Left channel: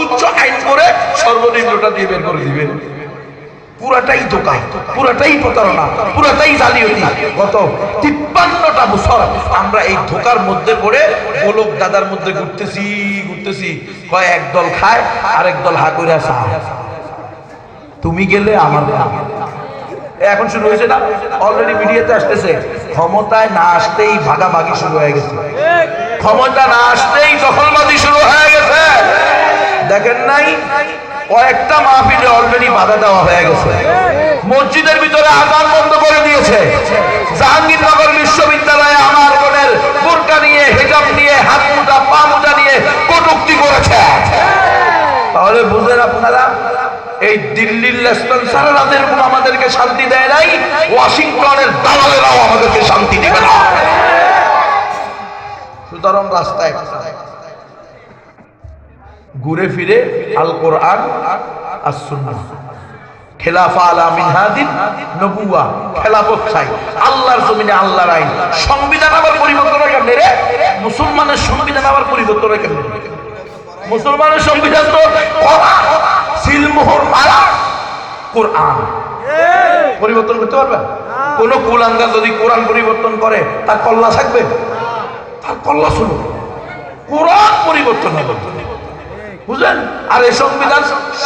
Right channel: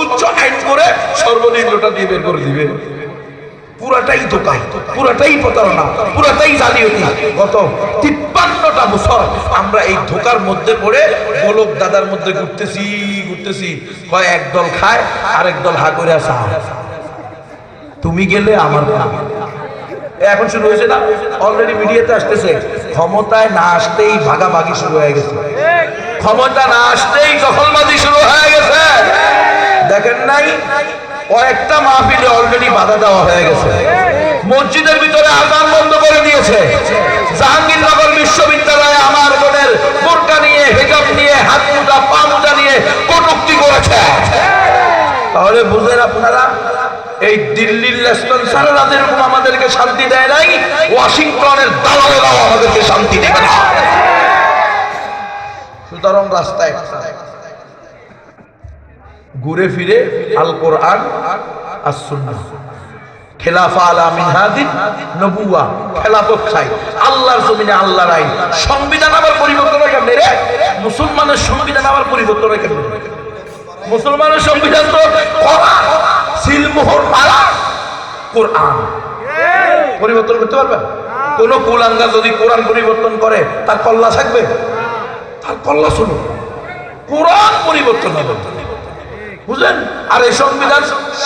উচ্চ আইন করে সর্বনিম্নটা দিয়ে বের করে দিবে। পুরাটাই ধোঁকা, পুরাটাই প্রতারণা, পুরাটাই জালিয়াতি। গত 53টা বছর আমরা এই ধোঁকার মধ্যে পড়ে গোলক দাদার মধ্যে ঘুরতেছি। কয় একদল খায় আরেক দল হা করে আসা, তুমি গেলে আমার এখন শুরু হয়েছে না, অলরেডি মিডিয়াতে আসতেছে। ক্ষমতায় না আসতেই ভাগাভাগি শুরু হয়ে গেছে, ক্ষমতা না আসতেই দখলবাজি শুরু হয়ে গেছে। দেখেন নাই কয়েকটা মাহফিলে অলরেডি বাধা দেওয়া হয়ে গেছে, মসজিদের ভিতরে আযান বন্ধ করে দিয়েছে। জাহাঙ্গীরনগর বিশ্ববিদ্যালয়ে আমার বোনের বোরকা নিয়ে, হিজাব নিয়ে, হাত মোজা পা মোজা নিয়ে কটূক্তি করেছে। তাহলে বুঝেন আপনারা, এই দিল্লির লেসপেন্সাররা যেরকম আমাদেরকে শান্তি দেয় নাই, ওয়াশিংটনের দালালেরাও আমাদেরকে শান্তি দেবে না। সুতরাং রাস্তায় ঘুরে ফিরে আল কোরআন আর সুন্নাহ, খেলাফা আলা মিনহাদিন নবুওয়া, খেলাফত চাই আল্লাহর জমিনে, আল্লাহর আইন। সংবিধান আবার পরিবর্তন হয় কেমনে রে? মুসলমানের সংবিধান আবার পরিবর্তন হয় কেমনে? মুসলমানের সংবিধান তো কোরআন, সিলমোহর মারা কোরআন। পরিবর্তন করতে পারবে? কোন কুলাঙ্গা যদি কোরআন পরিবর্তন করে তার কল্লা থাকবে? তার কল্লা শুনুন, কোরআন পরিবর্তন হবে, বুঝলেন? আর এই সংবিধান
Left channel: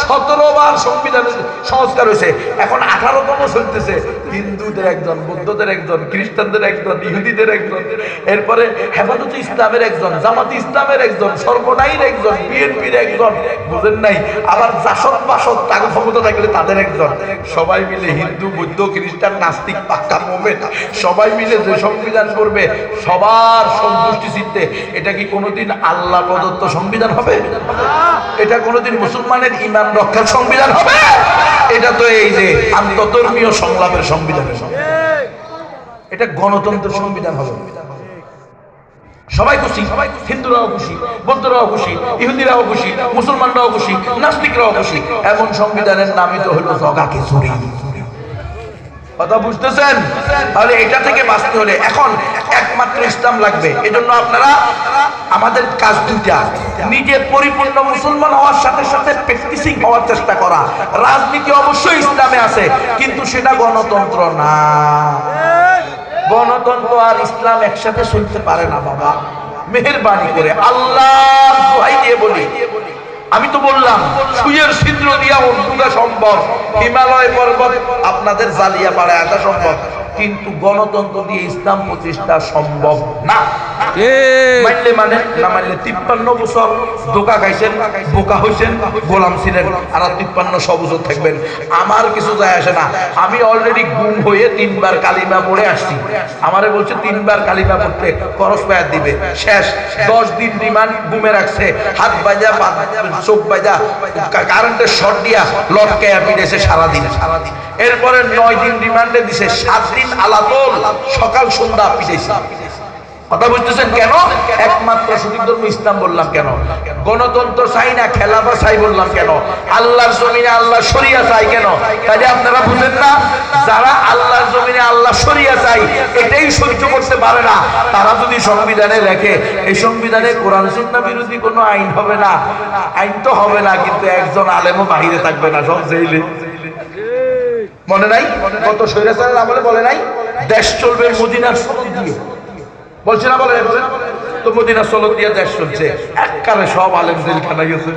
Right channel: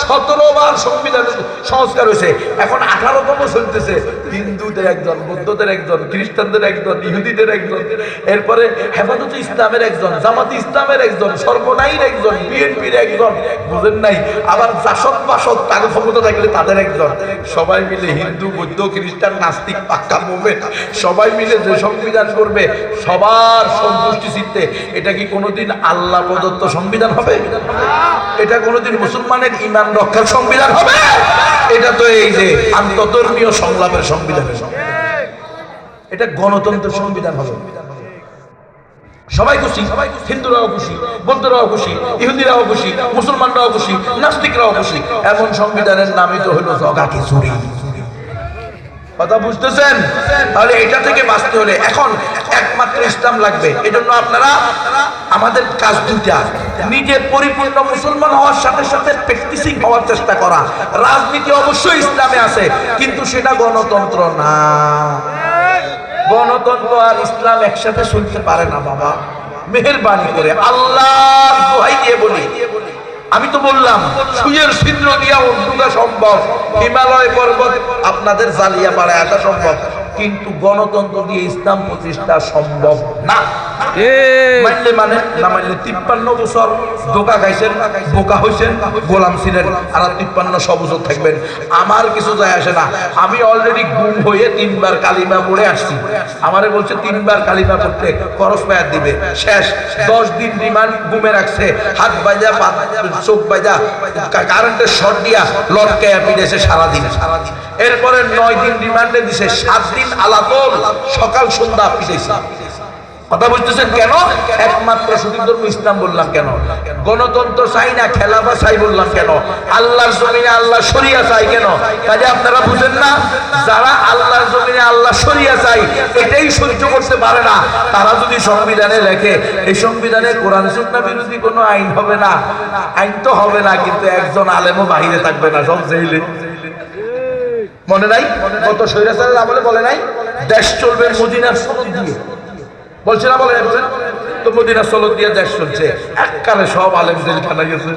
17 বার সংবিধান সংস্কার হয়েছে, এখন 18তম চলতেছে। হিন্দুদের একজন, বৌদ্ধদের একজন, খ্রিস্টানদের একজন, ইহুদিদের একজন, এরপরে হেফাজতে ইসলামের একজন, জামাতে ইসলামের একজন, সর্বনাইর একজন, বিএনপির একজন, বুঝেন নাই? আবার জাসদ বাসদ তাকে ক্ষমতা থাকলে তাদের একজন। সবাই মিলে হিন্দু, বৌদ্ধ, খ্রিস্টান, নাস্তিক, পাক্কা মোমেন সবাই মিলে যে সংবিধান করবে সবার সন্তুষ্টি চিত্তে, এটা কি কোনোদিন আল্লাহ প্রদত্ত সংবিধান হবে? এটা কোনোদিন মুসলমানের ঈমান রক্ষার সংবিধান হবে? এটা তো এই যে আন্তর্ধর্মীয় সংলাপের সংবিধান, এটা গণতন্ত্রের সংবিধান হবে। সবাই খুশি, হিন্দুরাও খুশি, বৌদ্ধরাও খুশি, ইহুদিরাও খুশি, মুসলমানরাও খুশি, নাস্তিকরাও খুশি। এমন সংবিধানের নামই তো হলো জগা খিচুড়ি। কথা বুঝতেছেন? তাহলে এটা থেকে বাঁচতে হলে এখন একমাত্র ইসলাম লাগবে। এজন্য আপনারা, আমাদের কাজ দুইটা, নিজে পরিপূর্ণ মুসলমান হওয়ার সাথে সাথে প্র্যাকটিসিং হওয়ার চেষ্টা করা। রাজনীতি অবশ্যই ইসলামে আছে, কিন্তু সেটা গণতন্ত্র না। গণতন্ত্র আর ইসলাম একসাথে চলতে পারে না বাবা। মেহেরবানি করে আল্লাহর দোহাই দিয়ে বলি, আমি তো বললাম সুয়ের ছিদ্র দিয়া উঠা সম্ভব, হিমালয় পর্বত আপনাদের জ্বালিয়া পাড়ায় আসা সম্ভব, কিন্তু গণতন্ত্র দিয়ে ইসলাম প্রতিষ্ঠা সম্ভব না। মানে না মানলে 53 বছর ধোঁকা খাইছেন, বোকা হয়েছেন, গোলাম ছিলেন, আর 53 বছর থাকবেন। আমার কিছু যায় আসে না। আমি অলরেডি গুম হয়ে 3 বার কালিমা পড়ে আসছি। আমারে বলছে 3 বার কালিমা পড়তে খরচ পায়ার দিবে। শেষ 10 দিন রিমান্ড গুমে রাখছে, হাত বাজা, চোখ বাজা, কারেন্টের শর্ট দিয়া লটকায়া পিড়েছে সারাদিন। এরপরে 9 দিন রিমান্ডে দিছে, 7 দিন আলাতল, সকাল সন্ধ্যা পিড়েছে। কথা বুঝতেছেন কেন? একমাত্র সঠিক ধর্ম ইসলাম বললাম কেন? গণতন্ত্র চাই না, খেলাফা চাই বললাম কেন? আল্লাহর জমিনে আল্লাহ শরিয়া চাই কেন? তাহলে আপনারা বুঝেন না, যারা আল্লাহর জমিনে আল্লাহ শরিয়া চাই এটাই সহ্য করতে পারে না, তারা যদি সংবিধানে লেখে এই সংবিধানে কোরআন সুন্নাহ বিরোধী কোনো আইন হবে না, আইন তো হবে না, কিন্তু একজন আলেমও বাহিরে থাকবে না, সব জেলে। মনে নাই কত স্বৈরাচারের আমলে বলে নাই দেশ চলবে মদিনার সনদ দিয়ে? বলছে না, বলে তো মদিনা সনদ দিয়ে দেশ চলছে। এককালে সব আলেম জেলখানা গেছে।